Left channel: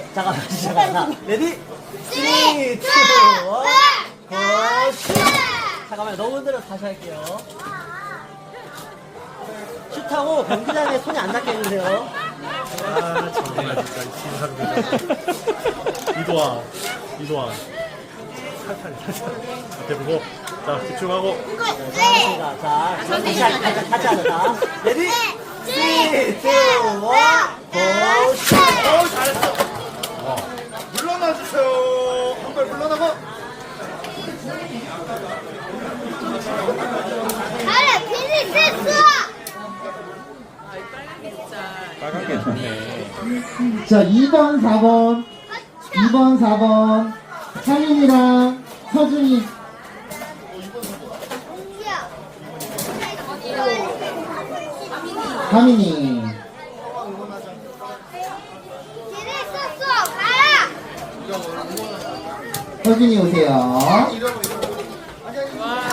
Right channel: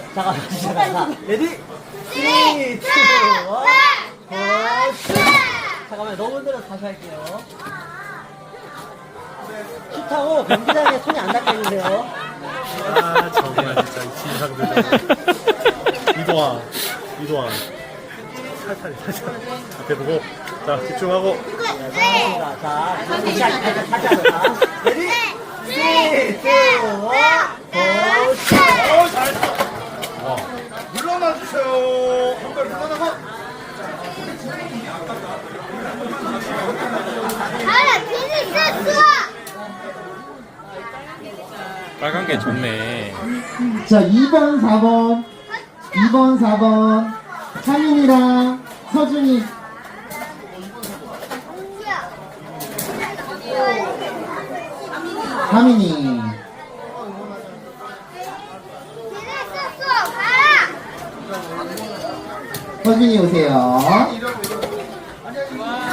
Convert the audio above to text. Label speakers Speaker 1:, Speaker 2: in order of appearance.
Speaker 1: 잠깐만. 레디? 3, 2, 1, 컷! 잠깐만, 너무 흔들어서 다시 할게요. 슛하고 경기장에 손이 안 닿게 해주세요.
Speaker 2: 아, 정말 진짜 이도환. 살살. 앞에 보고. 자, 집중하고.
Speaker 1: 자, 다시 하자. 레디? 3, 2, 1, 컷!
Speaker 2: 잘했어. 물러나 주세요. 한발 물러나고. 빨간 게 좋네.
Speaker 3: 자, 2번, 4번. 2번, 4번. 상인이랑 서준이. 하민이. 서준이 오세요.